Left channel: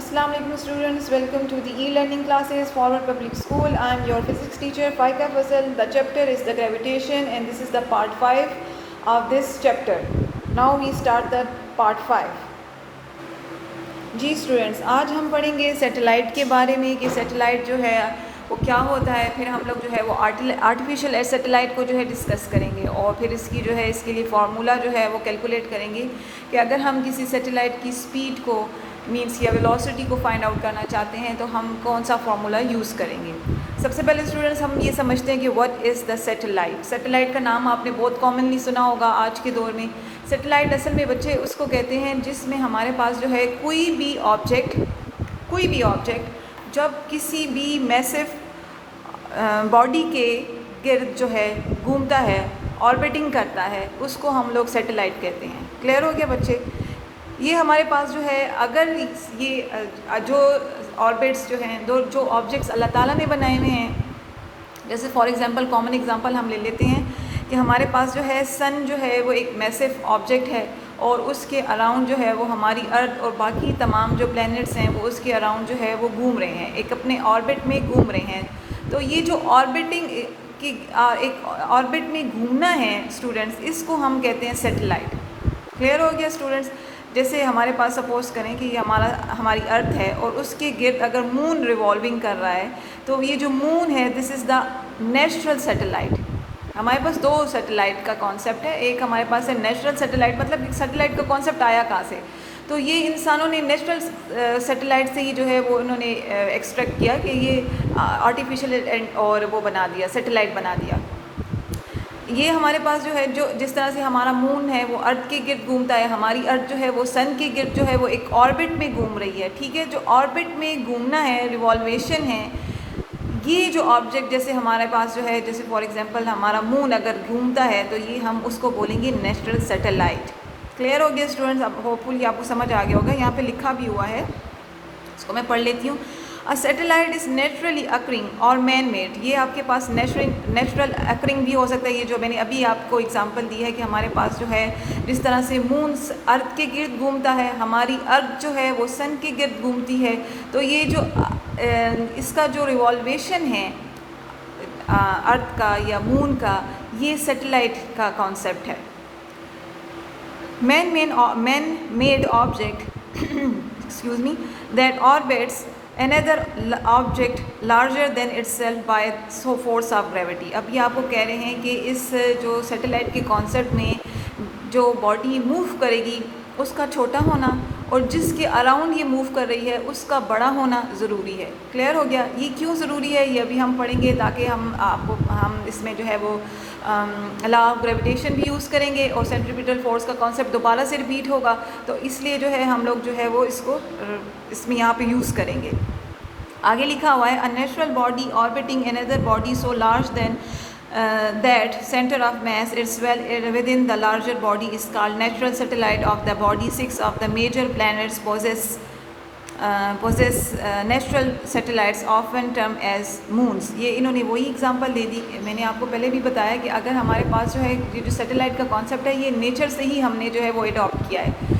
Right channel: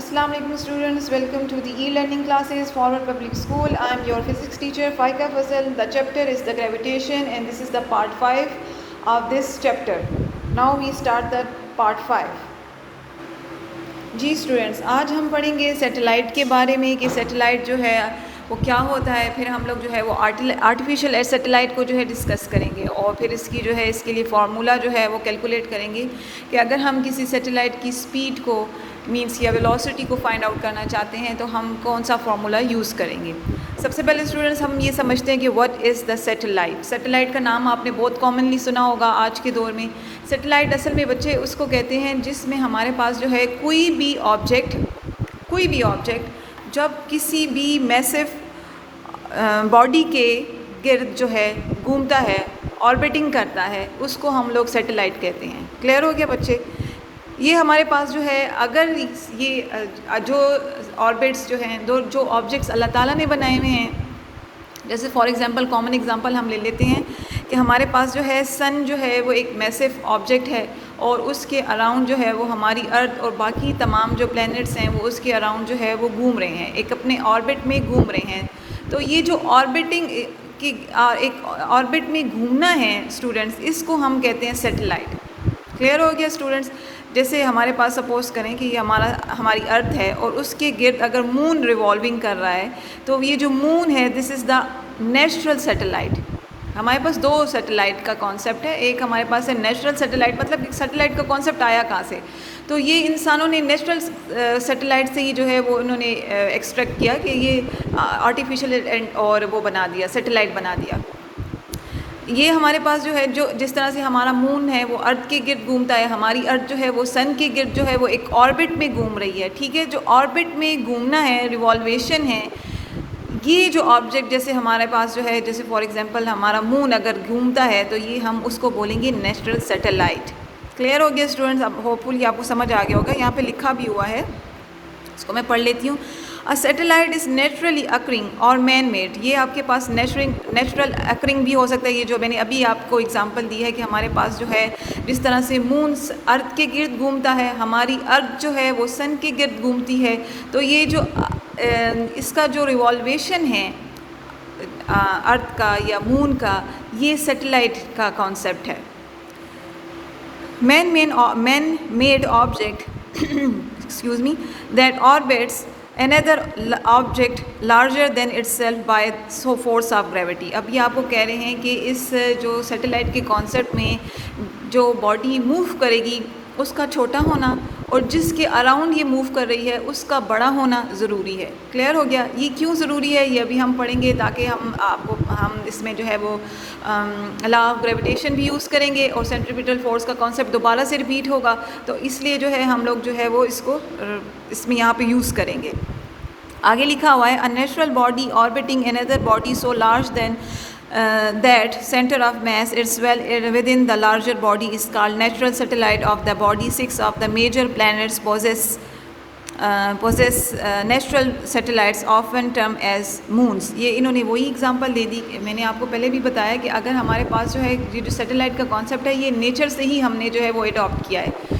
Assalamu alaikum students, welcome to the e-learning classes Forward Public School. I am your physics teacher Faika Fasal. The chapter is the gravitation and this is the part 5 of this chapter. Now we start the part 5. जी students, आज हम पढ़ेंगे satellite के बारे में कि satellite जो है वो क्या होता है। फिर हम लोग जो है वो आर्टिफिशियल सैटेलाइट को जो है डिस्कस करेंगे और फिर इसकी जो है इसके लिए फार्मूला जो है वो कैलकुलेट करेंगे कि अगर हम किसी सैटेलाइट की स्पीड को मीन्स या वेलोसिटी को फाइंड आउट करना चाहते हैं तो हम कौन सा फार्मूला यूज़ करेंगे। सबसे पहले स्टूडेंट्स हम ये समझते हैं कि what is the satellite. Satellite का नाम आपने बहुत कॉमनली सुना होगा आज के दौर में। सैटेलाइट असल में बच्चे उसको कहते हैं जिसमें हमारे पास जो है कोई भी ऑब्जेक्ट जब किसी भी मैसिव बॉडी के गिर्द जो है घूमता है, ऑर्बिटिंग करता है, उसको हम लोग सैटेलाइट कहते हैं। क्लियर हो गया बच्चे? ये हमारे पास जो है अगर ये जो ऑर्बिट्स जो हैं जो ऑब्जेक्ट्स अल्लाह ताला ने बनाए हुए हैं, जैसे फॉर एग्जांपल कॉमन एग्जांपल हम ले लेते हैं कि हमारे पास जो है सन जो है वो एक मैसिव ऑब्जेक्ट है और उसके अराउंड जो है वो हमारी अर्थ और बाकी तमाम जो प्लैनेट्स हैं वो उसके अराउंड जो है वो घूम रहे हैं, एक अपने ऑर्बिट में घूम रहे हैं। तो ये जो ऑर्बिटिंग की एक ऑर्बिट में घूमना है स्टूडेंट्स, इसको हम कहते हैं सैटेलाइट। क्लियर हो गया स्टूडेंट्स? जैसे हमारे पास सपोज़ करें कि ये हमारी अर्थ है और उसके गिर्द अगर मून रिवॉल्विंग कर रहा है तो ये जो मून है this is the natural satellite. हमारे पास दो सैटेलाइट का कॉन्सेप्ट है। एक हमारे पास है नेचुरल सैटेलाइट, मतलब सैटेलाइट का कॉन्सेप्ट आया कहाँ से, तो ये इंसानों ने नेचुरल सैटेलाइट से ही जो है वो इन्होंने एक्सट्रैक्ट किया कि ये आर्टिफिशियल और वो बना दिया, सैटेलाइट बना दिया। ये हमारे पास जो है जो जिस तरह से हमारा मून है वो अर्थ के गिर्द घूमता है, हमारी अर्थ जो है वो सन के गिर्द जो है वो एक ऑर्बिट में घूम रही है। ठीक है, जो ऑर्बिट में घूमना है, रिवॉल्वेशन है, ये जो ऑब्जेक्ट जैसे हमारे पास जो है जैसे फॉर एग्जांपल हमारा मून अगर घूमता है तो ये हम उसको बोलेंगे नेचुरल सैटेलाइट। क्लियर हो गया स्टूडेंट्स? अब होपफुली आपको समझ आ गया होगा। यहाँ पे लिखा भी हुआ है, इसको मैं पढ़ लेती हूँ। A satellite is naturally occurring और मैन मेड। ये आपके पास नेचुरल अकरिंग भी हो सकता है। ये जो मैंने अभी आपको एग्जांपल दी है कि हमारे पास जो है जिस तरह से मून अर्थ के गिर्द घूमता है, हमारी अर्थ जो है वो सन के गिर्द घूमती है, तो ये जो इसका जो रिवॉल्वेशन है अर्थ का या मून का, ये सैटेलाइट का कॉन्सेप्ट है। Man made object excuse me that orbits another object larger than itself by so force of gravity। अब ये आपको कह रहे हैं कि इस जो सैटेलाइट के कॉन्सेप्ट में जो बॉडी मूव करेगी उसका छोटा होना और जिसके अराउंड ये मूव कर रही है उसका बड़ा होना ज़रूरी है। क्लियर हो गया? ये क्यों ज़रूरी है ये अभी हम पढ़ेंगे, ताकि हम इसमें जो है वो लॉ ऑफ ग्रेविटेशन भी यूज़ करेंगे और सेंट्रीपिटल फोर्स का कॉन्सेप्ट दोबारा से रिपीट होगा, तो इसलिए जो है हम लोग जो है वो इसको इसमें यहाँ पे यूज़ करेंगे। आगे लिखा हुआ है a natural body orbiting another body so large then that center of mass is well within the larger body is called natural satellite of the body. 6 of the major planets possess natural satellites often termed as moons। ये इन्होंने वही example दे दी। मैंने आपको पहले भी बताया कि अगर हमारे पास जो है ये जो सैटेलाइट का कॉन्सेप्ट है ये नेचर से ही हमने जो है वो अडॉप्ट किया है।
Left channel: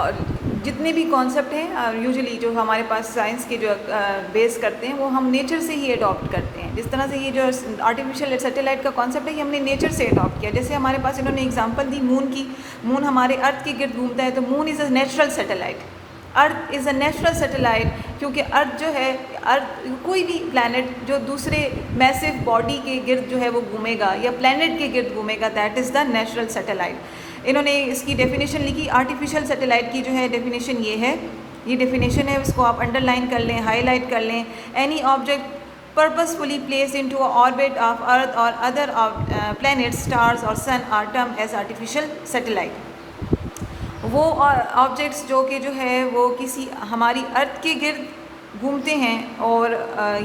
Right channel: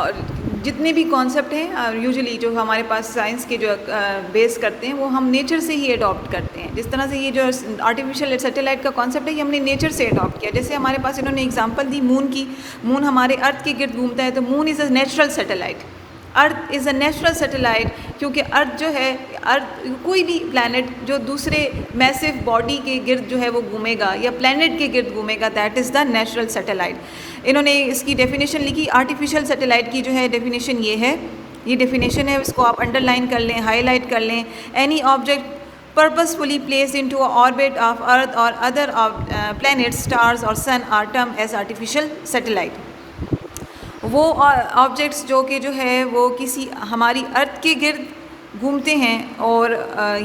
और जितने भी कॉन्सेप्ट हैं यूजुअली जो हमारे पास साइंस के जो बेस करते हैं वो हम नेचर से ही अडॉप्ट करते हैं। जिस तरह से ये जो आर्टिफिशियल सैटेलाइट का कॉन्सेप्ट है ये हमने नेचर से अडॉप्ट किया। जैसे हमारे पास इन्होंने एग्जांपल दी मून की। मून हमारे अर्थ के गिर्द घूमता है तो moon is a natural satellite. Earth is a natural satellite क्योंकि अर्थ जो है कोई भी प्लैनेट जो दूसरे मैसिव बॉडी के गिर्द जो है वो घूमेगा या प्लैनेट के गिर्द घूमेगा, that is the natural satellite. इन्होंने इसकी डेफिनेशन लिखी। आर्टिफिशियल सैटेलाइट की जो है डेफिनेशन ये है, ये डेफिनेशन है, इसको आप अंडरलाइन कर लें, हाईलाइट कर लें। Any object purposefully placed into a orbit of earth or other planets, stars or sun are termed as artificial satellite। वो ऑब्जेक्ट्स जो कि जो है वो किसी हमारी अर्थ के गिर्द घूमते हैं और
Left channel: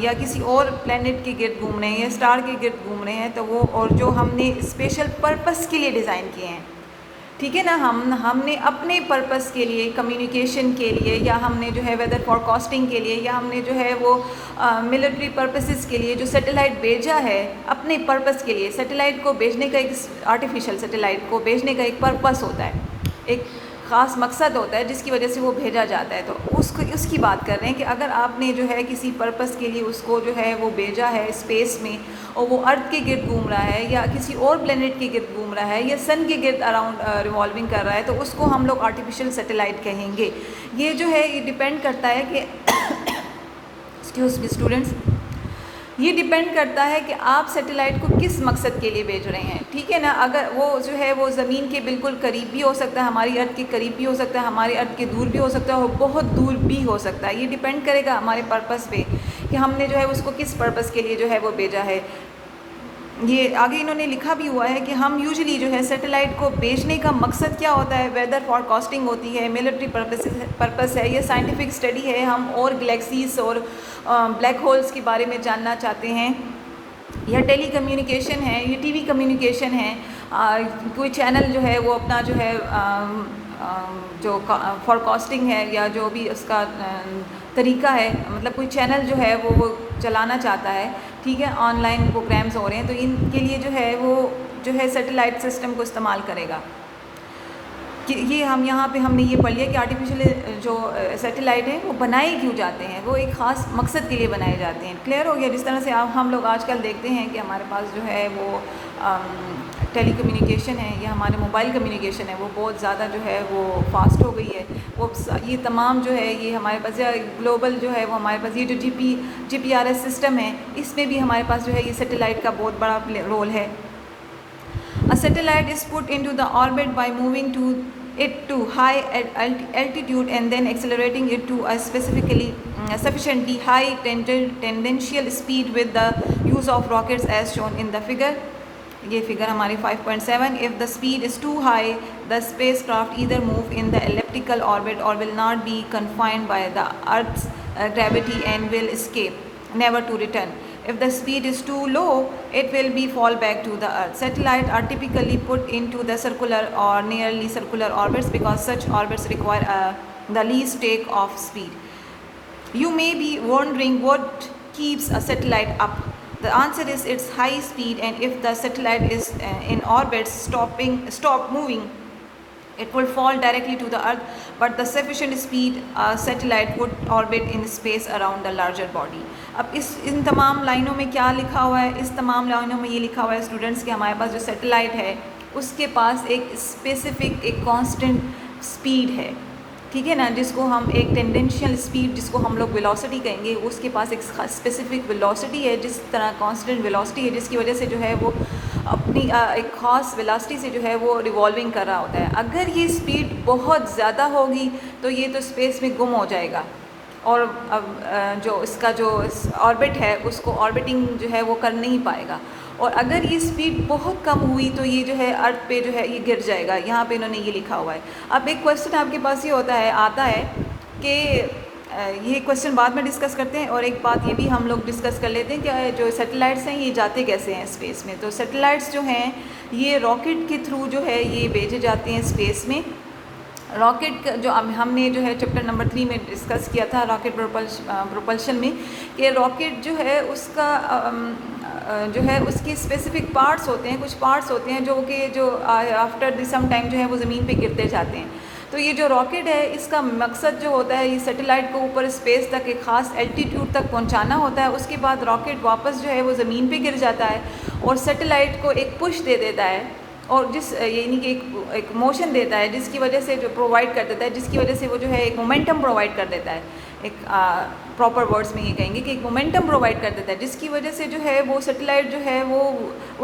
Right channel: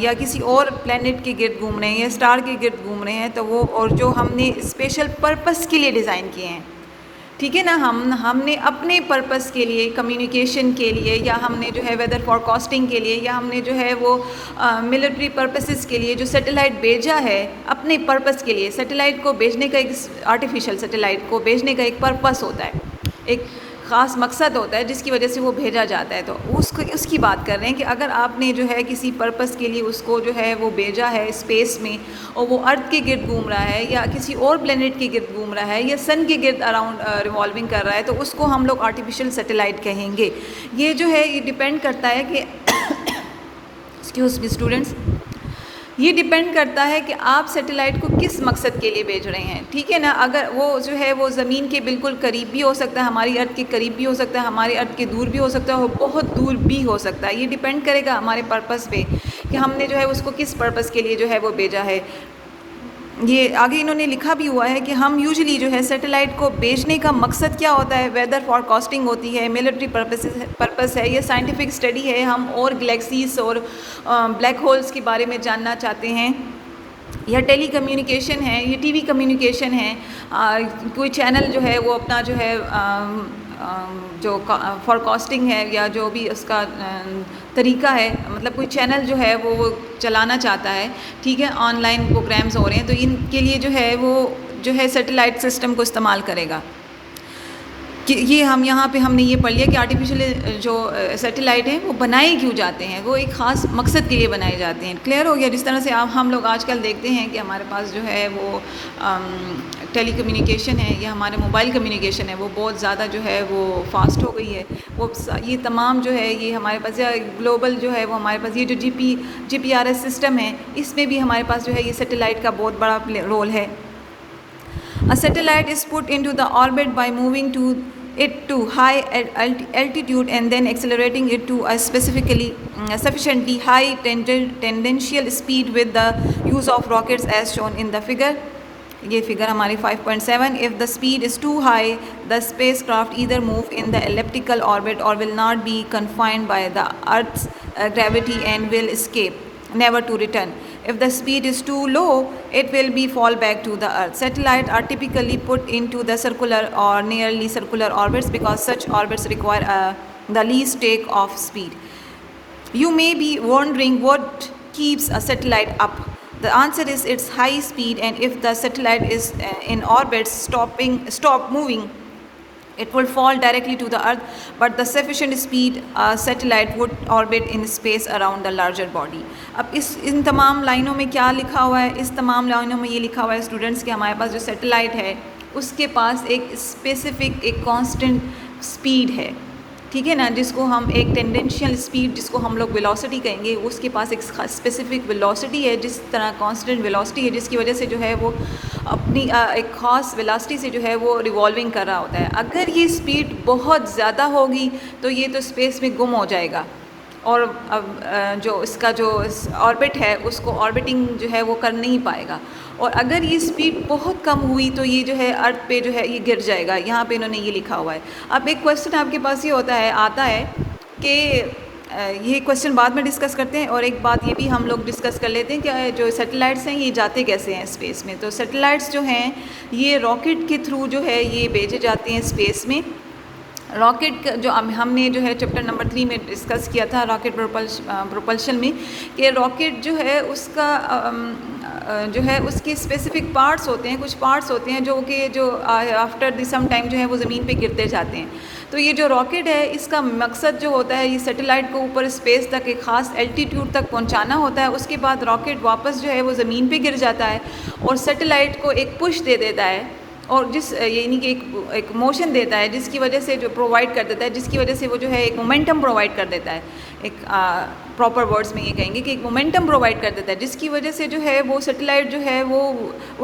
या किसी और प्लैनेट के गिर्द घूम रहे हैं या स्टार के गिर्द घूम रहे हैं, तो वो और जो हमने स्पेशल पर्पस के लिए डिज़ाइन किए हैं। ठीक है ना, हमने अपने पर्पस के लिए, कम्युनिकेशन के लिए, या हमने जो है वेदर फॉरकास्टिंग के लिए, या हमने जो है वो मिलिट्री पर्पसेस के लिए जो सैटेलाइट भेजा है अपने पर्पस के लिए। सैटेलाइट को भेजने का एक आर्टिफिशियल सैटेलाइट को भेजने का एक पर्पस होता है, एक ख़ास मकसद होता है जिसकी वजह से वो भेजा जाता है। तो उसकी बात कर रहे हैं कि अगर आपने जो है किसी पर्पस के लिए उसको जो है वो भेजा है स्पेस में और वो अर्थ के गिर्द घूम रहा है या किसी और प्लेनेट के गिर्द घूम रहा है या सन के गिर्द अराउंड रिवॉल्विंग कर रहा है, तो उसको हम लोग आर्टिफिशियल सैटेलाइट कहेंगे। ये जो है ये डिपेंड करता है कि एक्सक्यूज मी स्टूडेंट्स, ये डिपेंड करता है कि आप सैटेलाइट को किस मकसद के लिए भेज रहे हैं, ठीक है ना। अगर वो जो है वो ज़मीन के बिल्कुल करीब भी हो सकता है, हमारी अर्थ के करीब भी हो सकता है, हमारे अर्थ के दूर भी हो सकता है और बहुत दूर भी हो सकता है। ये डिपेंड करेगा हमारे पर्पस पे कि हमने जो है उसको किस पर्पस के लिए जो है वो भेजा है। ये आगे इन्होंने लिखा भी हुआ है कि हम यूजुअली जो है सैटेलाइट को भेजने का मकसद क्या होता है, वेदर फॉरकास्टिंग होती है, मिलिट्री पर्पस है, ये साइंटिफिक स्टडी है, हम और गैलेक्सीज और ब्लैक होल्स के बारे में जानना चाहते हैं, या टेली कम्युनिकेशन है, ये टीवी कम्युनिकेशन है, कोई चैनल जो है वो अपना जो है जो फॉरकास्टिंग है या जो भी उसका तरीका है, मतलब कोई चैनल जो है वो चलाना चाहता है, ठीक है, ऑनलाइन प्रोग्राम्स हो रहे हैं, तो इनके लिए जो है वो जो है सैटेलाइट सिस्टम को इस्तेमाल करेगा। कि ये हम यहाँ पे हमने ये पढ़ लिया कि आर्टिफिशियल जो सैटेलाइट हैं वो बनाए क्यों जाते हैं, वो एक ख़ास मकसद के लिए बनाए जाते हैं। क्लियर हो गया। जिस तरह से हम लोग आजकल देखते हैं कि हमारे पास जो है वो टेली कम्युनिकेशन है या हमारे मोबाइल कम्युनिकेशन है वो बहुत ज़्यादा जो है वो फास्ट हो गई है, वो ये तमाम जो है ये हमारे पास या ग्लोबल जो है वो हमारे पास ये जो GPRS सिस्टम है, इसमें भी हमारे पास जो है ये सैटेलाइट का बहुत बड़ा रोल है। A satellite is put into the orbit by moving it to high altitude and then accelerating it to a sufficiently high tangential speed with the use of rockets as shown in the figure. ये figure हमारी 5.7. If the speed is too high, the spacecraft either move in the elliptical orbit or will not be confined by the Earth's gravity and will escape, never to return. If the speed is too low, it will be fall back to the Earth. Satellites are typically put into the circular or nearly circular orbits because such orbits require the least take-off speed. You may be wondering what keeps a satellite up. The answer is its high speed, and if the satellite is in orbit stop moving, it will fall directly to the earth, but the sufficient speed satellite would orbit in space around the larger body. अब इन तमाम लाइनों में क्या लिखा हुआ है, इस तमाम लाइनों में ये लिखा हुआ है स्टूडेंट्स कि हमारे पास जो सैटेलाइट है उसके पास एक स्पेसिफिक एक कांस्टेंट स्पीड है, ठीक है ना, जिसको हम एक टेंडेंशियल स्पीड जिसको हम लोग वेलोसिटी कहेंगे, उसके पास एक स्पेसिफिक वेलोसिटी है, जिस तरह कांस्टेंट वेलोसिटी है, जिसकी वजह से जो है वो अपनी एक ख़ास वेलोसिटी से जो है वो रिवॉल्विंग कर रहा होता है। अगर ये स्पीड बहुत ज़्यादा होगी तो ये तो स्पेस में गुम हो जाएगा और अब जो इसका जो ऑर्बिट है उसको ऑर्बिटिंग जो है वो कर नहीं पाएगा, और अगर ये स्पीड बहुत कम हुई तो ये जो है अर्थ पे जो है ये गिर जाएगा। यहाँ पे इन्होंने ये लिखा हुआ है। अब एक क्वेश्चन आपके पास ये आता है कि ये क्वेश्चन बाद में डिस्कस करते हैं, और एक बात ये भी हम लोग डिस्कस कर लेते हैं कि जो सैटेलाइट्स हैं ये जाते कैसे हैं स्पेस में। तो सैटेलाइट्स जो हैं ये रॉकेट के थ्रू जो है ये भेजे जाते हैं स्पेस में। रॉकेट जो हमने जो है चैप्टर नंबर 3 में डिस्कस किया था रॉकेट प्रोपल्शन में, कि रॉकेट जो है उसका जो है उसके स्पेसिफिक पार्ट्स होते हैं, कुछ पार्ट्स होते हैं जो आफ्टर सम टाइम जो है वो ज़मीन पे गिरते जाते हैं। तो ये जो रॉकेट है इसका मकसद जो होता है ये सैटेलाइट को ऊपर स्पेस तक एक ख़ास एल्टीट्यूड तक पहुंचाना होता है। उसके बाद रॉकेट वापस जो है वो ज़मीन पे गिर जाता है और सैटेलाइट को एक पुश दे देता है, और यानी कि एक मोशन देता है जिसकी वजह से जो प्रोवाइड कर देता है, जिसकी वजह से वो जो है एक मोमेंटम प्रोवाइड कर देता है। एक प्रॉपर वर्ड्स में ये कहेंगे कि एक मोमेंटम प्रोवाइड कर देता है, जिसकी वजह से जो है वो सैटेलाइट जो है वो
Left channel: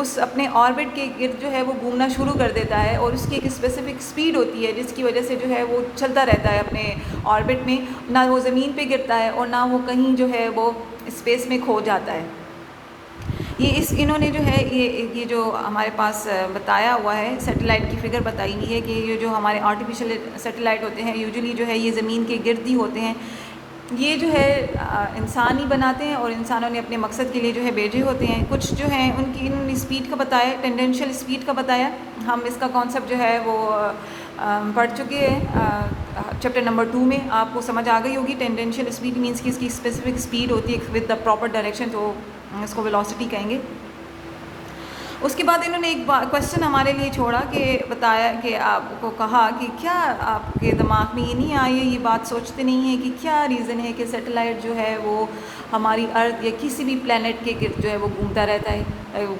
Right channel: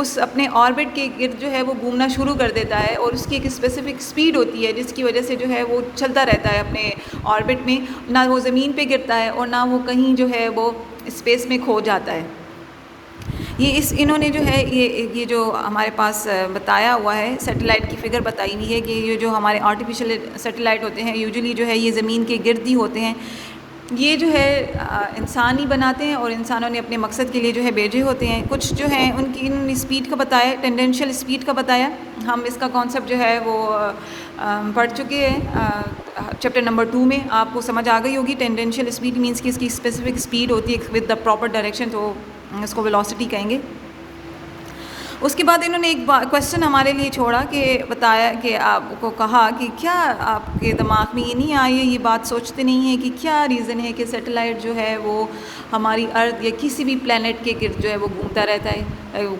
उस अपने ऑर्बिट के गिर्द जो है वो घूमना शुरू कर देता है, और उसकी एक स्पेसिफिक स्पीड होती है जिसकी वजह से जो है वो चलता रहता है अपने ऑर्बिट में, ना वो ज़मीन पे गिरता है और ना वो कहीं जो है वो स्पेस में खो जाता है। इन्होंने जो है ये जो हमारे पास बताया हुआ है सैटेलाइट की फिगर बताई हुई है कि ये जो हमारे आर्टिफिशियल सैटेलाइट होते हैं यूजुअली जो है ये ज़मीन के गिर्द ही होते हैं। ये जो है इंसान ही बनाते हैं और इंसानों ने अपने मकसद के लिए जो है भेजे होते हैं। कुछ जो हैं उनकी इन स्पीड का बताया, टेंडेंशियल स्पीड का बताया, हम इसका कॉन्सेप्ट जो है वो पढ़ चुके हैं चैप्टर नंबर 2 में, आपको समझ आ गई होगी। टेंडेंशियल स्पीड मीन्स कि इसकी स्पेसिफिक स्पीड होती है विद द प्रॉपर डायरेक्शन, तो इसको वेलोसिटी कहेंगे। उसके बाद इन्होंने एक क्वेश्चन हमारे लिए छोड़ा कि बताया कि आपको कहा कि क्या आपके दिमाग में ये नहीं आई है, ये बात सोचते नहीं है कि क्या रीज़न है कि सैटेलाइट जो है वो हमारी अर्थ या किसी भी प्लेनेट के गिर्द जो है वो घूमता रहता है,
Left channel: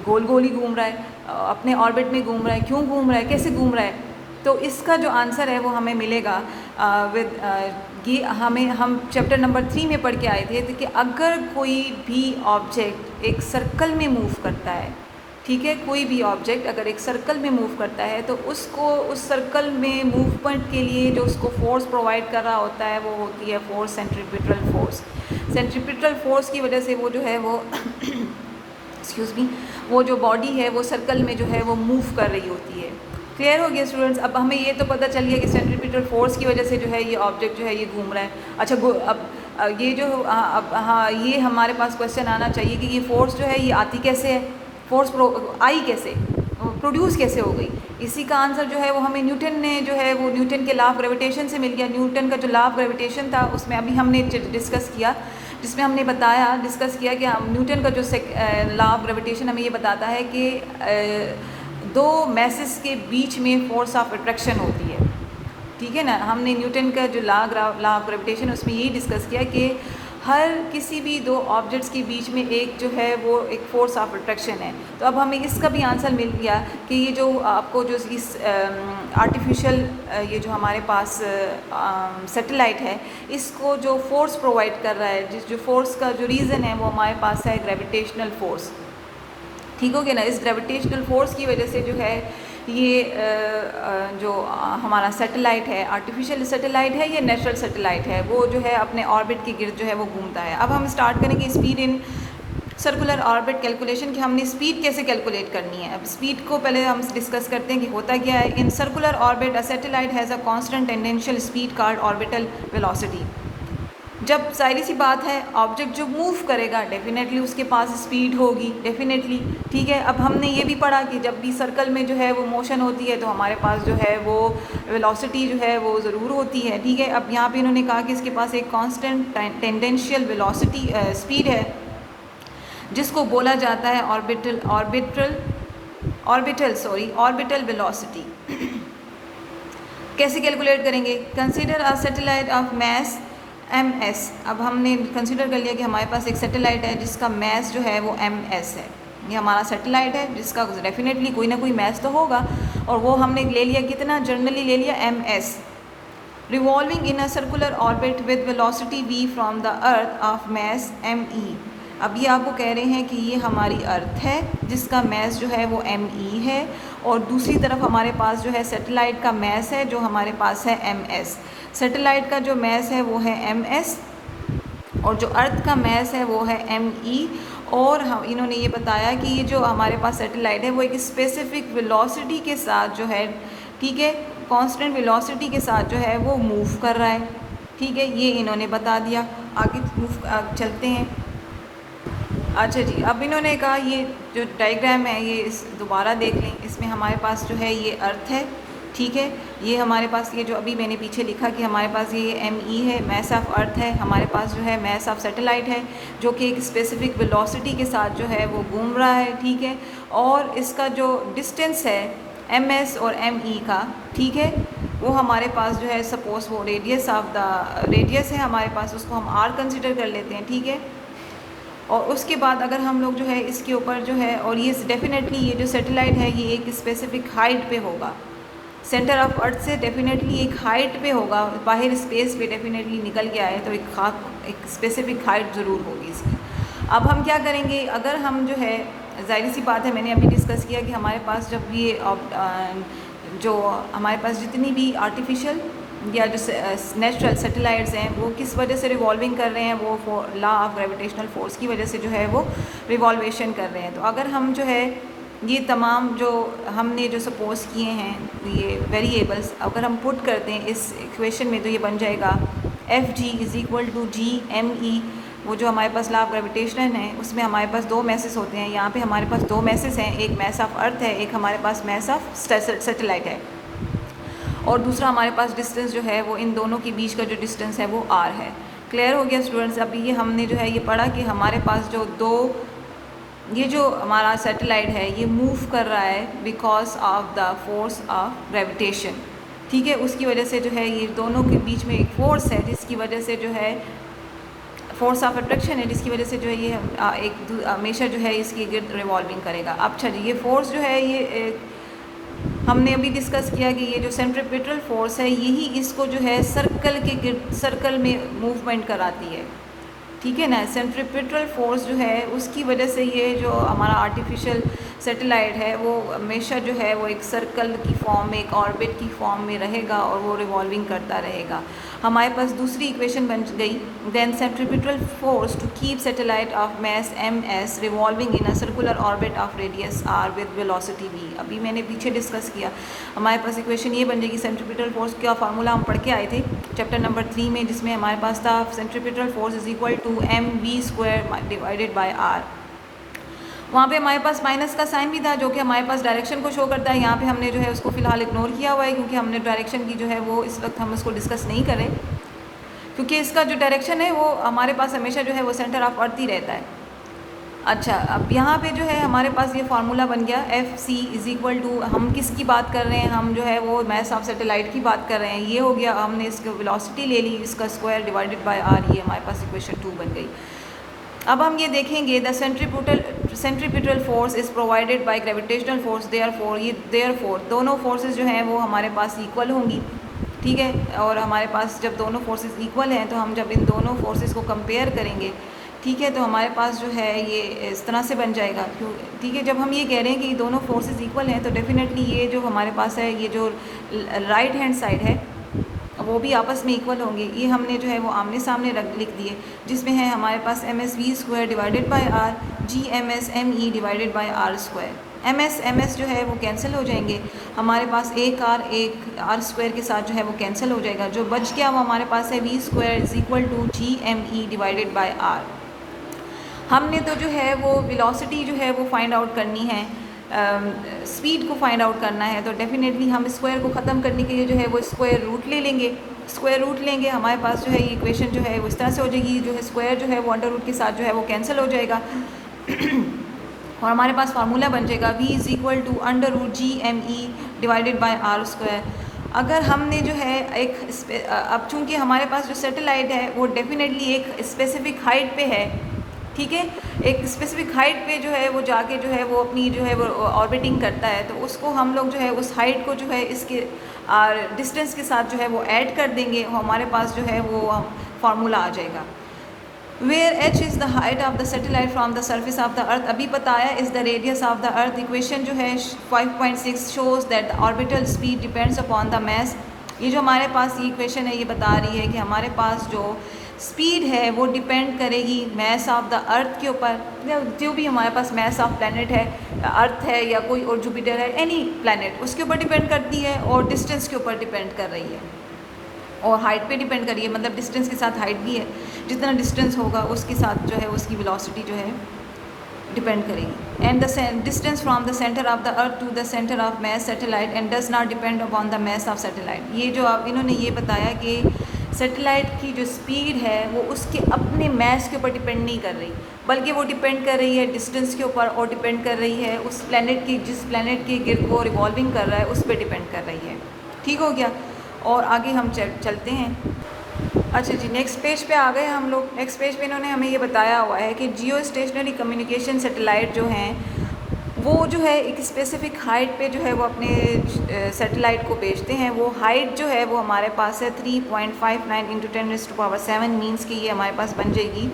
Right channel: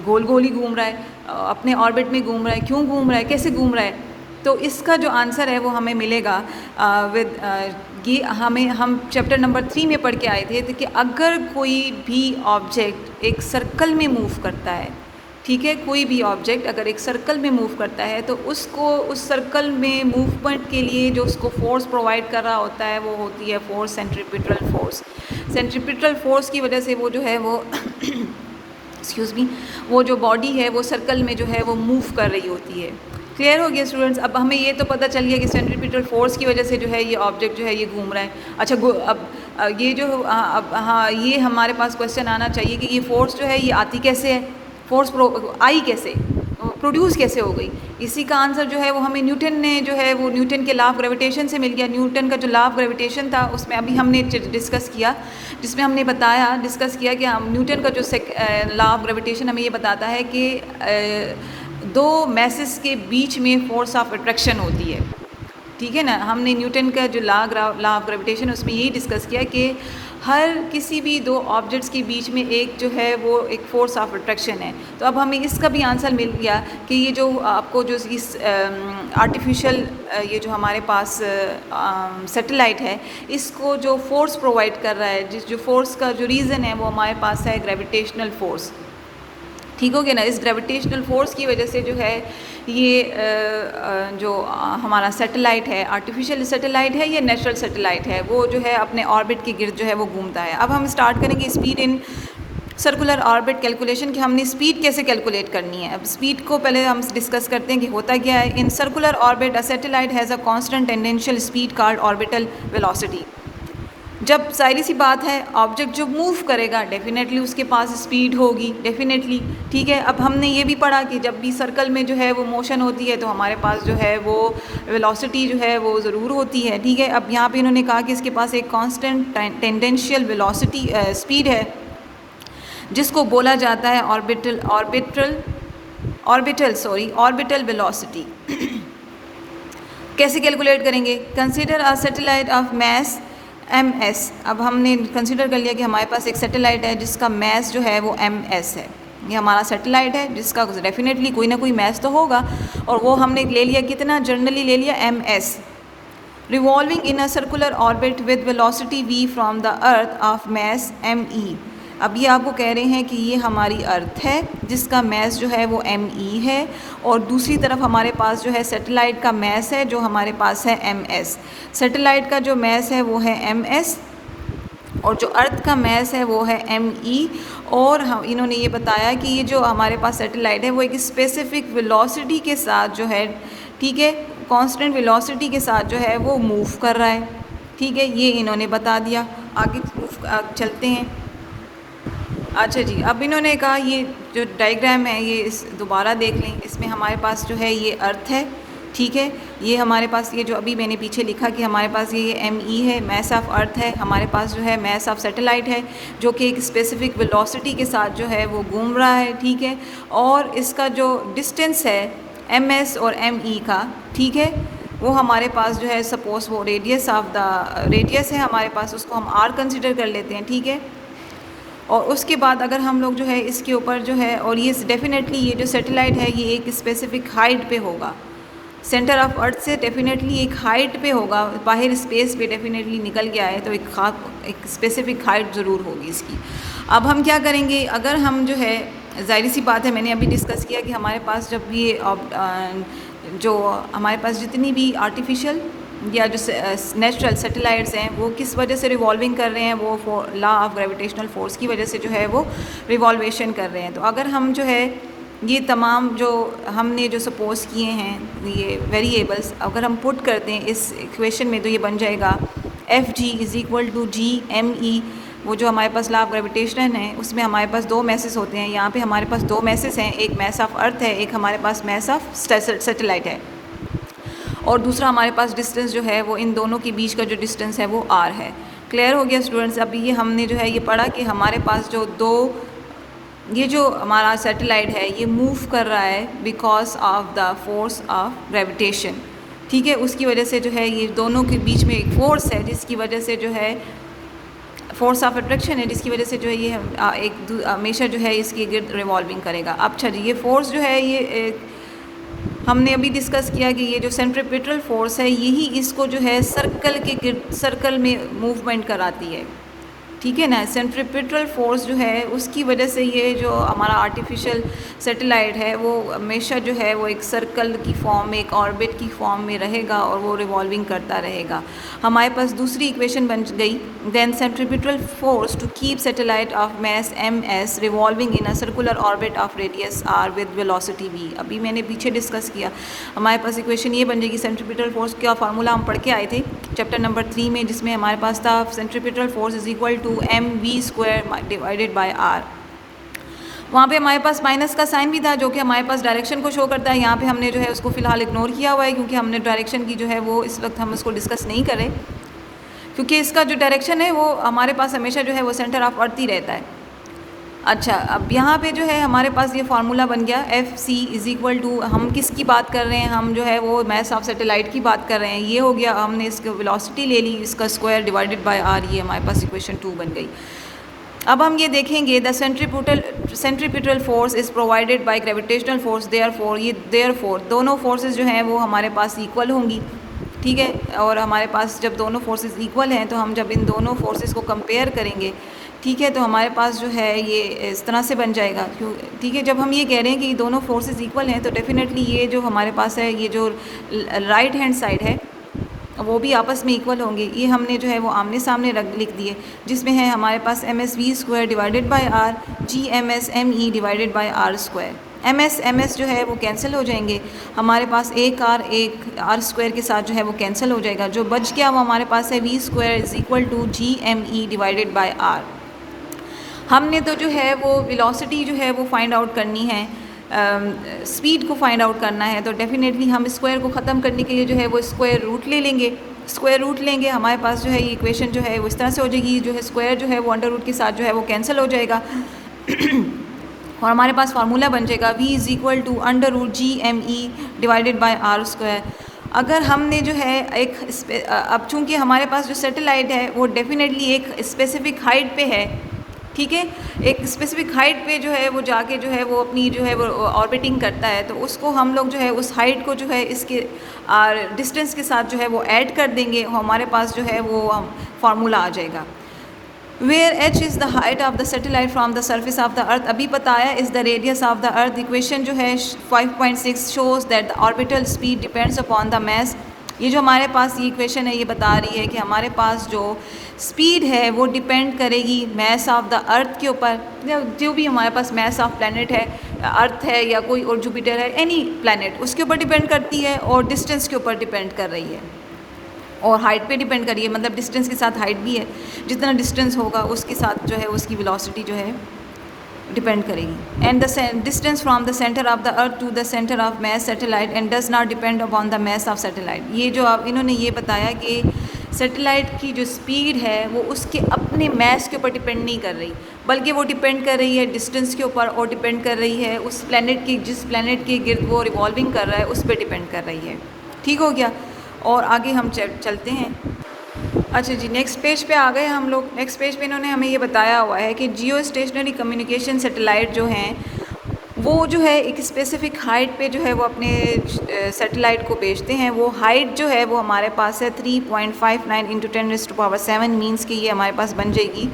गोल गोल ही घूम रहा है, अपने ऑर्बिट में घूम रहा है, क्यों घूम रहा है, कैसे घूम रहा है। तो इसका जो आंसर है वो हमें मिलेगा ये हम चैप्टर नंबर 3 में पढ़ के आए थे कि अगर कोई भी ऑब्जेक्ट एक सर्कल में मूव करता है, ठीक है, कोई भी ऑब्जेक्ट अगर एक सर्कल में मूव करता है तो उसको उस सर्कल में मूवमेंट के लिए जो उसको फोर्स प्रोवाइड कर रहा होता है वो होती है force, centripetal force. Centripetal force की वजह से वो जो है वो एक्सक्यूज़ मी, वो जो बॉडी है वो सर्कल में जो है वो मूव कर रही होती है। क्लियर हो गया स्टूडेंट्स? अब हमें ये तो पता चल गया कि सेंट्रीपिटल फोर्स की वजह से जो है ये ऑब्जेक्ट जो है ये घूम रहा है। अच्छा, अब ये जो अब हाँ, ये हमारे पास क्वेश्चन आना चाहिए कि ये फोर्स जो है ये आती कैसे है, फोर्स आई कैसे, प्रोड्यूस कैसे हो गई। इसी का आंसर जो है वो हमें न्यूटन ने जो है वो न्यूटन के लॉ ऑफ ग्रेविटेशन से मिल गया। न्यूटन का जो लॉ ऑफ ग्रेविटेशन था उसमें अभी हमने डिस्कस किया, जिसमें हमने डिस्कस किया कि हम न्यूटन का जो लॉ ऑफ ग्रेविटेशन हमें ये बताता है कि दो मैसेस के बीच में फोर्स ऑफ अट्रैक्शन होती है, ठीक है ना। हमने न्यूटन का जो लॉ ऑफ ग्रेविटेशन उसमें यही डिस्कस किया कि हर किसी भी दो ऑब्जेक्ट्स के बीच में एक जो है वो एक फोर्स ऑफ अट्रैक्शन है। तो अब हमें इसका भी आंसर मिल गया कि ये जो आपको जो इस आर्टिफिशियल ये जो हमारे पास सैटेलाइट है इसको जो फोर्स प्रोवाइड कर रहा है, जो फोर्स का जो रीज़न है वो हमारे पास है ग्रेविटेशनल फोर्स। ठीक हो गया ना। इस ग्रेविटेशनल फोर्स की वजह से जो है ये जो हमारा सैटेलाइट है, आर्टिफिशियल सैटेलाइट है या नेचुरल सैटेलाइट है, वो जो है अपने ऑर्बिट के गिर्द जो है वो घूमता है। अब हम स्टार्ट करेंगे speed in circular orbit calculation, कि हमने स्पीड कैसे कैलकुलेट करनी है। अब स्पीड को पहले हम डिस्कस करते हैं कि होता क्या है। In circular orbit a satellite has a constant tangential speed called orbital velocity. जब सारी सी बात है, ऑब्जेक्ट जो मूव करेगा डेफिनेटली उसके पास स्पीड होगी, डेफिनेटली, ठीक है। अब हमने ये भी पढ़ा कि जब भी सर्कल में जो है वो मोशन होती है तो हमारे पास जो है वो वेलोसिटी जो है वो ज़रूर होती है, ठीक है। अब यहाँ पे इन्होंने कहा कि इसके पास एक कांस्टेंट टेंडेंशियल वेलोसिटी स्पीड है जिसको बोला जाता है ऑर्बिटल वेलोसिटी। कैसे कैलकुलेट करेंगे? Consider a satellite of mass ms। अब हमने कंसीडर कर लिया कि हमारे पास एक सैटेलाइट है जिसका मैस जो है वो ms है। ये हमारा सैटेलाइट है जिसका डेफिनेटली कोई ना कोई मैस तो होगा, और वो हमने ले लिया कितना, जनरली ले लिया ms। Revolving in a circular orbit with velocity v from the earth of mass me। अब ये आपको कह रहे हैं कि ये हमारी अर्थ है जिसका मैस जो है वो me है, और दूसरी तरफ हमारे पास जो है सैटेलाइट का मैस है जो हमारे पास है ms। सैटेलाइट का जो मैस है वो है ms और जो अर्थ का मैस है वो है me। और हम इन्होंने ये बताया कि ये जो हमारे पास सैटेलाइट है वो एक स्पेसिफिक वेलोसिटी के साथ जो है, ठीक है, कांस्टेंट वेलोसिटी के साथ जो है वो मूव कर रहा है, ठीक है। ये इन्होंने बता दिया। आगे चलते हैं। अच्छा जी, अब इन्होंने कहा ये जो डायग्राम है ये दोबारा देख लें। इसमें हमारे पास जो है ये अर्थ है, ठीक है। ये हमारे पास ये जो अभी मैंने पीछे लिखा कि हमारे पास ये me है, मैस ऑफ अर्थ है, हमारे पास जो है मैस ऑफ सैटेलाइट है जो कि एक स्पेसिफिक वेलोसिटी के साथ जो है वो घूम रहा है, ठीक है। और इसका जो डिस्टेंस है ms और me का, ठीक है, वो हमारे पास जो है सपोज वो रेडियस है हमारे पास, उसको हम r कंसिडर कर लेते हैं, ठीक है। और उसके बाद अगर हम लोग जो है इसके ऊपर जो है, और ये डेफिनेटली ये जो सैटेलाइट है ये एक स्पेसिफिक हाइट पे होगा, सेंटर ऑफ अर्थ से डेफिनेटली एक हाइट पे होगा, बाहर स्पेस पे डेफिनेटली निकल गया है तो एक स्पेसिफिक हाइट ज़रूर होगी इसकी। अब हम क्या करेंगे, अगर हम जो है, ज़ाहिर सी बात है, मैंने अभी डिस्कस किया कि हमारे पास जब ये जो हमारे पास जितनी भी आर्टिफिशियल या जो नेचुरल सैटेलाइट्स हैं वो किस वजह से रिवॉल्विंग कर रहे हैं, वो लॉ ऑफ ग्रेविटेशनल फोर्स की वजह से जो है वो रिवॉल्वेशन कर रहे हैं। तो अगर हम जो है ये तमाम जो हमने जो सपोज किए हैं ये वेरिएबल्स अगर हम पुट करते हैं इस इक्वेशन में तो ये बन जाएगा Fg = G me। वो जो हमारे पास लॉ ऑफ ग्रेविटेशन है उसमें हमारे पास दो मैसेस होते हैं, यहाँ पे हमारे पास दो मैसेस हैं, एक मैस ऑफ अर्थ है, एक हमारे पास मैस ऑफ सैटेलाइट है, और दूसरा हमारे पास डिस्टेंस जो है वो इन दोनों के बीच का जो डिस्टेंस है वो r है। क्लियर हो गया स्टूडेंट्स? अभी ये हमने जो है ये पढ़ा कि हमारे पास जो दो ये जो हमारा सैटेलाइट है ये मूव कर रहा है because of the force of gravitation, ठीक है। उसकी वजह से जो है ये दोनों के बीच में एक फोर्स है जिसकी वजह से जो है फोर्स ऑफ अट्रैक्शन है, जिसकी वजह से जो है ये हमेशा जो है इसके गिर्द रिवॉल्विंग करेगा। अब अच्छा जी, ये फोर्स जो है ये हमने अभी डिस्कस किया कि ये जो सेंट्रीपिटल फोर्स है यही इसको जो है सर्कल के गिर्द सर्कल में मूवमेंट कराती है, ठीक है ना। सेंट्रीपिटल फोर्स जो है उसकी वजह से ये जो हमारा आर्टिफिशियल सैटेलाइट है वो हमेशा जो है वो एक सर्कल की फॉर्म में, एक ऑर्बिट की फॉर्म में रहेगा और वो रिवॉल्विंग करता रहेगा। हमारे पास दूसरी इक्वेशन बन गई, then centripetal force to keep satellite of mass ms revolving in a circular orbit of radius r with velocity v। अभी मैंने पीछे डिस्कस किया, हमारे पास इक्वेशन ये बन जाएगी, सेंट्रीपिटल फोर्स का फार्मूला हम पढ़ के आए थे चैप्टर नंबर 3 में, जिसमें हमारे पास था centripetal force is equal to mv² divided by r। वहाँ पे हमारे पास माइनस का साइन भी था जो कि हमारे पास डायरेक्शन को शो करता है। यहाँ पे हमने जो है उसको फ़िलहाल इग्नोर किया हुआ है क्योंकि हमने डायरेक्शन की जो है वो इस वक्त हम उसको डिस्कस नहीं करें, क्योंकि इसका जो डायरेक्शन है वो हमारे पास हमेशा जो है वो सेंटर ऑफ अर्थ ही रहता है। अच्छा, अब यहाँ पे जो है हमारे पास ये फार्मूला बन गया FC इज़ इक्वल टू, हम किसकी बात कर रहे हैं, हम जो है वो मास ऑफ सैटेलाइट की बात कर रहे हैं। ये हो गया, हमने इसकी वेलोसिटी ले ली, इसका स्क्वायर डिवाइडेड बाय r, ये हमारे पास इक्वेशन 2 बन गई। अब हम ये देखेंगे the centripetal force is provided by gravitational force, therefore दोनों फोर्सेस जो हैं वो हमारे पास इक्वल होंगी, ठीक है। और हमारे पास जब दोनों फोर्सेस इक्वल हैं तो हम जब इन दोनों फोर्सेस को कंपेयर करेंगे, ठीक है, तो हमारे पास जो है ये इस तरह से बन जाएगा, क्यों, ठीक है। जब हम ये कह रहे हैं कि दोनों फोर्सेस इक्वल हैं तो डेफिनेटली ये जो हमारे पास है ये जो राइट हैंड साइड है वो भी आपस में इक्वल होंगे। ये हमने जो है वो आमने सामने लिख दिए, जिसमें है हमारे पास msv² divided by r, gmsme divided by r²। ms जो है वो कैंसिल हो जाएंगे, हमारे पास एक r² के साथ जो है वो कैंसिल हो जाएगा। जो बच गया वो हमारे पास है v² is equal to gme divided by r। हमने तो जो है वो वेलोसिटी जो है वो फाइंड आउट करनी है, स्पीड को फाइंड आउट करना है, तो डेफिनेटली हम स्क्वायर को ख़त्म करने के लिए जो है वो स्क्वायर रूट ले लेंगे। स्क्वायर रूट लेंगे, हमारे पास जो है ये इक्वेशन जो है वो इस तरह से हो जाएगी, जो है स्क्वायर जो है वो अंडर रूट के साथ जो है वो कैंसिल हो जाएगा और हमारे पास फार्मूला बन जाएगा v is equal to under root gme divided by r²। अगर हमने जो है अब चूँकि हमारे पास जो सैटेलाइट है वो डेफिनेटली एक स्पेसिफिक हाइट पे है, ठीक है, एक स्पेसिफिक हाइट पे जो है वो जाके जो है वो अपनी जो है वो ऑर्बिटिंग करता है, तो उसको हम लोग जो है उस हाइट को जो है इसके डिस्टेंस के साथ जो है वो ऐड कर देंगे, हमारे पास जो है वो फार्मूला आ जाएगा। Where h is the height of the satellite from the surface of the earth, अभी पता है is the radius of the earth. Equation जो है 5.6 shows that the orbital speed depends upon the mass. ये जो हमारे पास ये इक्वेशन है ये बता रही है कि हमारे पास जो स्पीड है वो डिपेंड करेगी मास ऑफ द अर्थ के ऊपर, जो भी हमारे पास मास ऑफ प्लैनेट है, अर्थ है या कोई और जुपिटर है, एनी प्लैनेट, उसके ऊपर डिपेंड करती है और डिस्टेंस के ऊपर डिपेंड कर रही है और हाइट पे डिपेंड कर रही है, मतलब डिस्टेंस के साथ हाइट भी है, जितना डिस्टेंस होगा उसके साथ जो है उसकी वेलोसिटी जो है डिपेंड करेगी। And the distance from the centre of the earth to the centre of mass satellite and does not depend upon the mass of satellite. ये जो आप इन्होंने ये बताया कि सैटेलाइट की जो स्पीड है वो उसके अपने मास के ऊपर डिपेंड नहीं कर रही, बल्कि वो डिपेंड कर रही है डिस्टेंस के ऊपर और डिपेंड कर रही है उस प्लैनेट की, जिस प्लैनेट के गिर्द वो रिवॉल्विंग कर रहा है उस पर डिपेंड कर रही है। ठीक हो गया, और आगे हम चलते हैं। अच्छा जी, नेक्स्ट पेज पे आ गए हम लोग। नेक्स्ट पेज पे इन्होंने हमें ये बताया हुआ है कि जियो स्टेशनरी कम्युनिकेशन सैटेलाइट जो हैं वो जो है एक स्पेसिफ़िक हाइट पे जो है वो अपने सैटेलाइट को भेजते हैं। वो हाइट जो है वो हमारे पास है 3.59 इंटू 10⁻⁷ मीन्स कि ये हमारे पास बन जाएगी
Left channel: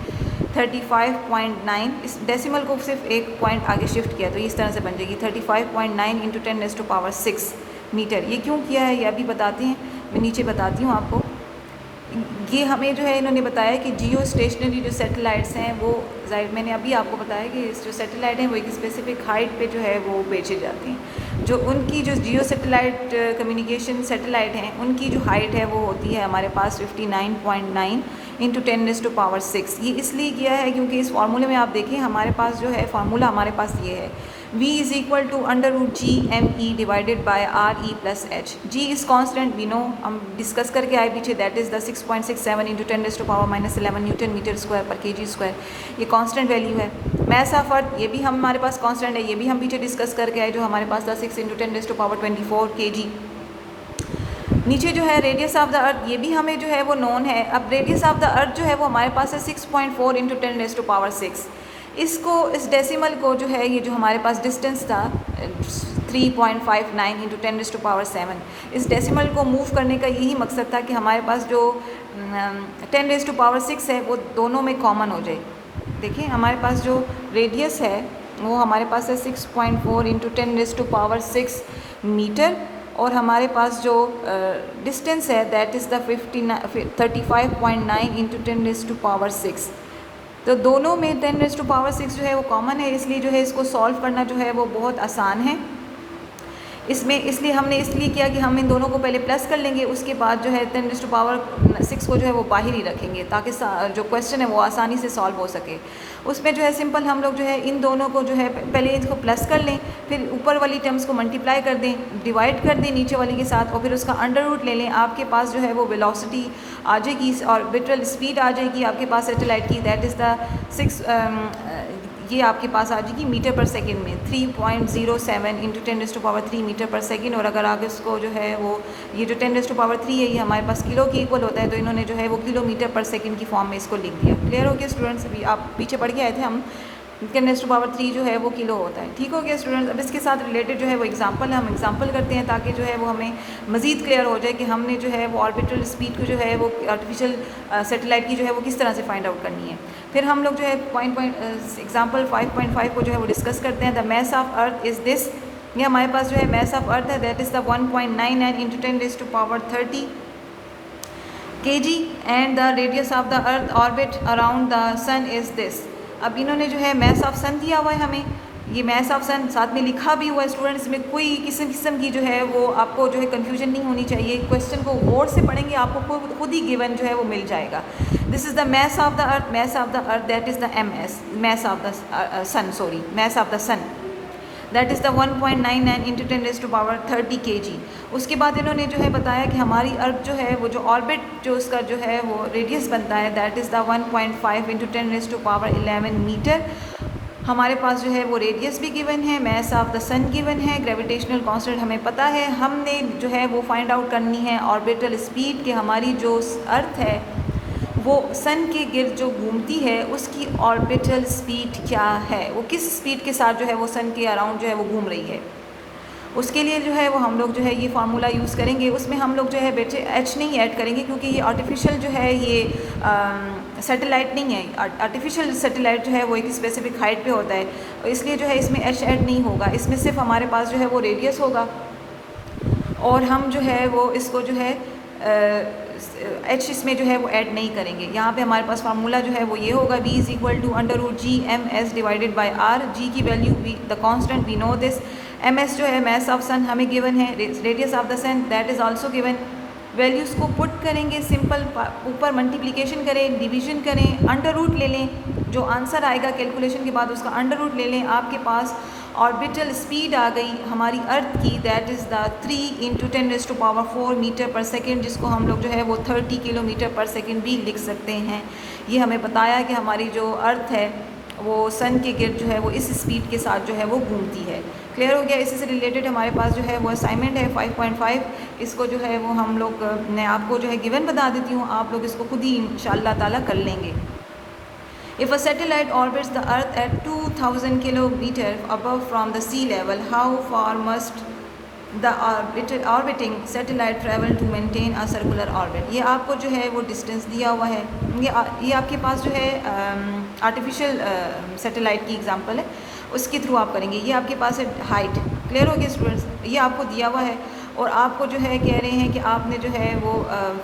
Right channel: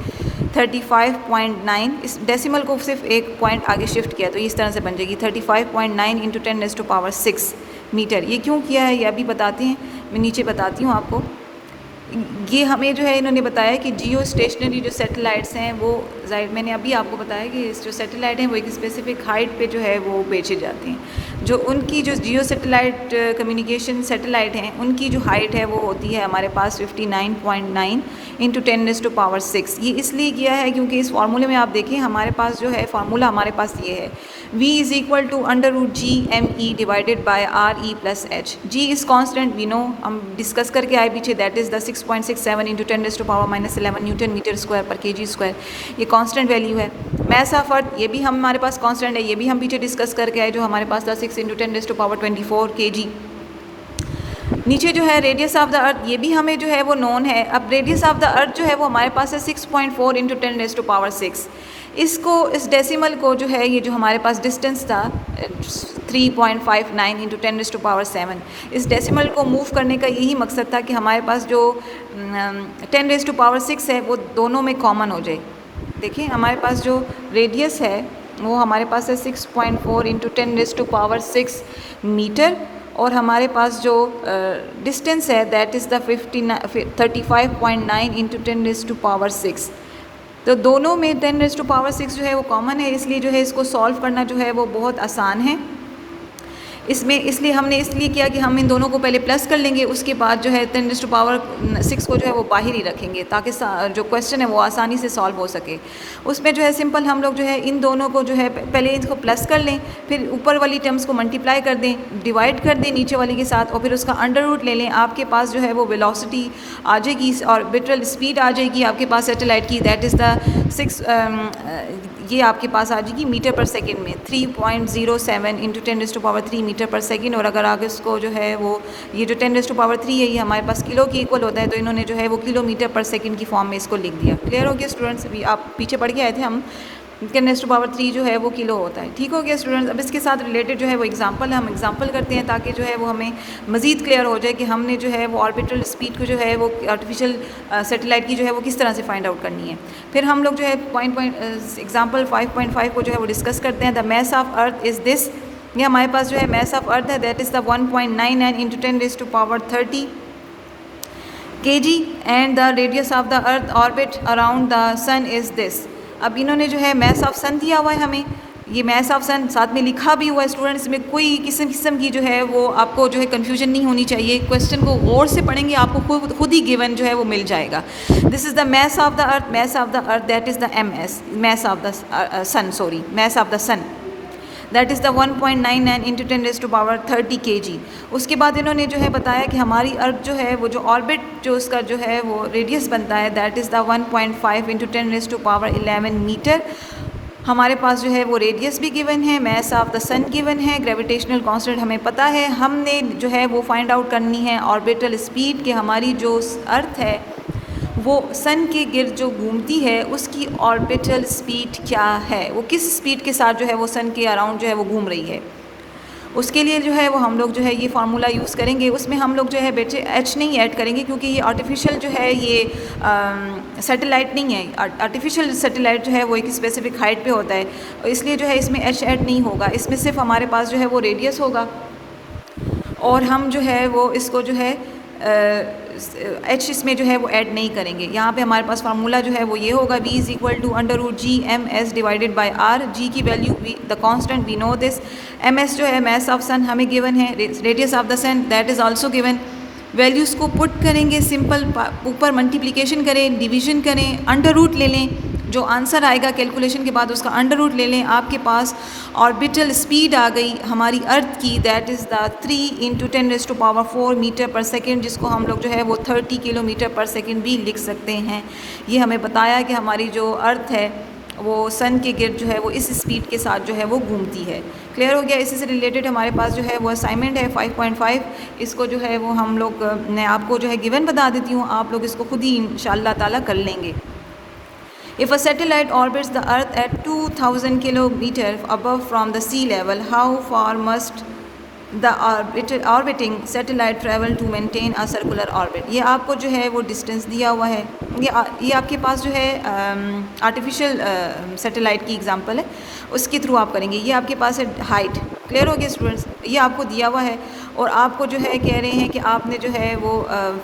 35.9। इस डेसिमल को सिर्फ एक पॉइंट आगे शिफ्ट किया तो इस तरह से बन जाएगी 35.9 इंटू 10⁻⁶ मीटर। ये क्यों किया है ये अभी बताते हैं, मैं नीचे बताती हूँ आपको। ये हमें जो है इन्होंने बताया कि जियो स्टेशनरी जो सैटेलाइट्स हैं वो जाहिर, मैंने अभी आपको बताया कि जो सैटेलाइट हैं वो एक स्पेसिफिक हाइट पे जो है वो भेजे जाते हैं। जो उनकी जो जियो सैटेलाइट कम्युनिकेशन सैटेलाइट हैं उनकी जो हाइट है वो होती है हमारे पास 59.9 इंटू 10⁻⁶। ये इसलिए किया है क्योंकि इस फार्मूले में आप देखें हमारे पास जो है फार्मूला हमारे पास ये है, v is equal to under root gme divided by re plus h। g is constant, we know, हम डिस्कस करके आए पीछे, that is the 6.6 667 into 10⁻⁻11 newton metre square पर kg स्क्वायर, ये कांस्टेंट वैल्यू है। मैस ऑफ अर्थ, ये भी हमारे पास कांस्टेंट है, ये भी हम पीछे डिस्कस करके आए, जो हमारे पास था 6 इंटू 10⁻24 kg। नीचे जो है रेडियस ऑफ द अर्थ, ये भी हमें जो है वो नोन है। अब रेडियस ऑफ द अर्थ जो है वो हमारे पास है 6.4 इंटू 10⁻6। इसको, इस डेसिमल को जो है, ये जो हमारे पास डिस्टेंस था 3.59 इंटू 10⁻7, इस डेसिमल को मूव करने का यही मकसद था कि हमारे पास जो 10⁻6 है वो दोनों में कॉमन हो जाए। देखिए हमारे पास जो रेडियस है वो हमारे पास है 6.4 इंटू 10⁻6 मीटर, और हमारे पास जो डिस्टेंस है दैट इज़ द 35.9 इंटू 10⁻6। तो दोनों में 10⁻6 जो है वो कॉमन है, इसलिए जो है इसको सॉल्व करना जो है वो बहुत आसान है। इसमें इसलिए हमने इसलिए किया कि हम इन दोनों को पहले प्लस कर लेंगे, उसके बाद जो है 10⁻6 को जो है वो बाहर ही रखेंगे ताकि जो क्वेश्चन है वो आसानी से सॉल्व हो सके। उसमें जो है सिंपल हम लोग जो है इन दोनों को जो है पहले इसको प्लस कर लें, फिर ऊपर वाली टर्म्स को मल्टीप्लाई कर दें, डिवाइड कर दें नीचे वाली के साथ, और फिर उसका अंडर रूट ले लें। आपके पास जो है वो वेलोसिटी आ जाएगी और ऑर्बिटल स्पीड आ जाएगी आपके पास सैटेलाइट की, दैट इज़ द 6 ये आपके पास आ जाएगी मीटर पर सेकंड में 3.07 इंटू 10⁻3 मीटर पर सेकंड। और अगर आगे इसको जो है वो ये जो 10⁻3 है ये हमारे पास किलो के इक्वल होता है, तो इन्होंने जो है वो किलोमीटर पर सेकंड की फॉर्म में इसको लिख दिया। क्लियर हो गया स्टूडेंट्स? अभी आप पीछे पढ़ के आए थे हम 10⁻3 जो है वो किलो होता है। ठीक हो गया स्टूडेंट्स? अब इसके साथ रिलेटेड जो है वो एग्जांपल हम एग्जांपल करते हैं ताकि जो है वो हमें मज़ीद क्लियर हो जाए कि हमने जो है वो ऑर्बिटल स्पीड को जो है वो आर्टिफिशियल सैटेलाइट की जो है वो किस तरह से फाइंड आउट करनी है। फिर हम लोग जो है एग्जाम्पल 5.5 को जो है वो डिस्कस करते हैं। The mass of earth is this, ये हमारे पास जो है मैस ऑफ अर्थ है that is the 1.99 into 10⁻30 kg and the radius of the earth orbit around the sun is this. अब इन्होंने जो है मैस ऑफ सन दिया हुआ है हमें, ये मैस ऑफ सन साथ में लिखा भी हुआ है स्टूडेंट्स, में कोई किस्म की जो है वो आपको जो है कन्फ्यूजन नहीं होनी चाहिए। क्वेश्चन को और से पढ़ेंगे आपको खुद ही गिवन जो है वो मिल जाएगा। This is the mass of the earth, mass of the earth that is the MS, mass of the sun, sorry mass of the sun that is the 1.99 into 10⁻30 kg। उसके बाद इन्होंने जो है बताया कि हमारी अर्थ जो है वो जो ऑर्बिट जो उसका जो है वो रेडियस बनता है that is the 1.5 into 10⁻11 metre. हमारे पास जो है वो रेडियस भी गिवन है, mass of the sun given है, ग्रेविटेशनल कांस्टेंट हमें पता है। हमने जो है वो फाइंड आउट करनी है ऑर्बिटल स्पीड कि हमारी जो अर्थ है वो सन के गिर्द जो घूमती है उसकी ऑर्बिटल स्पीड क्या है, वो किस स्पीड के साथ जो है वो सन के अराउंड जो है वो घूम रही है। उसके लिए जो है वो हम लोग जो है ये फार्मूला यूज़ करेंगे। उसमें हम लोग जो है बेटे H नहीं ऐड करेंगे क्योंकि ये आर्टिफिशियल जो है ये सैटेलाइट नहीं है। आर्टिफिशियल सैटेलाइट जो है वो एक स्पेसिफिक हाइट पे होता है, तो इसलिए जो है इसमें H ऐड नहीं होगा। इसमें सिर्फ हमारे पास जो है वो रेडियस होगा, और हम जो है वो इसको जो है H इसमें जो है वो ऐड नहीं करेंगे। यहाँ पे हमारे पास फार्मूला जो है वो ये होगा, V is equal to √GMS divided by R। G की value the constant we know this. MS जो है मैस ऑफ सन हमें गिवन है, radius of the sun that is also given. Values को पुट करेंगे, सिंपल ऊपर multiplication करें, division करें, अंडर रूट ले लें, जो आंसर आएगा कैलकुलेशन के बाद उसका अंडर रूट ले लें। आपके पास ऑर्बिटल स्पीड आ गई हमारी अर्थ की that is the 3 into 10⁻4 metre पर सेकेंड, जिसको हम लोग जो है वो 30 किलोमीटर पर सेकेंड भी लिख सकते हैं। ये हमें बताया कि हमारी जो अर्थ है वो सन के गिर्द जो है वो इस स्पीड के साथ जो है वो घूमती है। क्लियर हो गया? इसी से रिलेटेड हमारे पास जो है वो असाइनमेंट है 5.5, इसको जो है वो हम लोग मैं आपको जो है गिवन बता देती हूँ, आप लोग इसको खुद ही इंशाअल्लाह ताला कर लेंगे। If a satellite orbits the Earth at 2000 kilometers above from the sea level, how far must the orbiting satellite travel to maintain a circular orbit? ये आपको जो है वो डिस्टेंस दिया हुआ है। ये आपके पास जो है आर्टिफिशियल सैटेलाइट की एग्जांपल है, उसके थ्रू आप करेंगे। ये आपके पास है हाइट। क्लियर हो गया स्टूडेंट्स? ये आपको दिया हुआ है और आपको जो है कह रहे हैं कि आपने जो है वो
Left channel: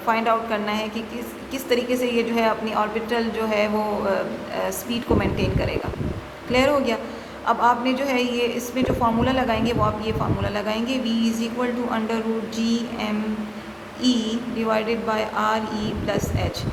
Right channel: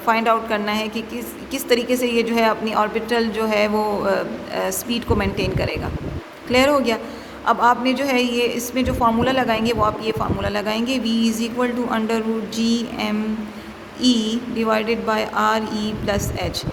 फाइंड आउट करना है कि किस तरीके से ये जो है अपनी ऑर्बिटल जो है वो स्पीड को मेंटेन करेगा। क्लियर हो गया? अब आपने जो है ये इसमें जो फार्मूला लगाएंगे वो आप ये फार्मूला लगाएंगे, V is equal to √GME divided by RE plus H।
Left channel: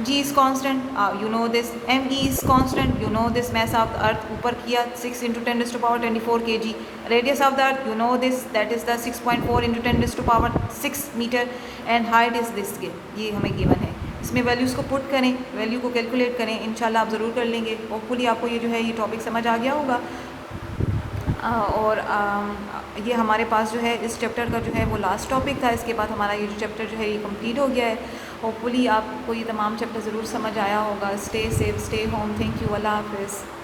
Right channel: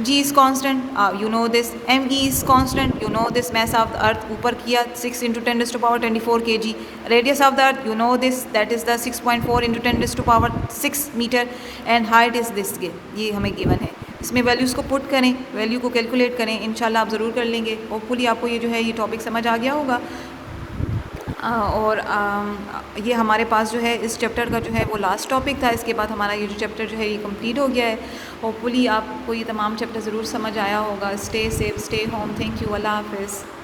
G is constant, you know this. ME is constant, you know this. Mass of the earth ऊपर किया 6 into 10⁻24 kg. Radius of the earth, you know this, that is the 6.4 into 10⁻6 meter, and height is this, ये हमें given है। इसमें values को put करें, value को calculate करें, इंशाल्लाह आप ज़रूर कर लेंगे। होपफुली आपको ये जो है ये टॉपिक समझ आ गया होगा। और ये हमारे पास जो है इस चैप्टर का जो है वो लास्ट टॉपिक था। इसके बाद हमारा ये जो चैप्टर जो है ये कंप्लीट हो गया है। होपफुली आपको ये तमाम चैप्टर ज़रूर समझ आया होगा। Stay safe, stay home. Thank you. अल्लाह हाफ़िज़।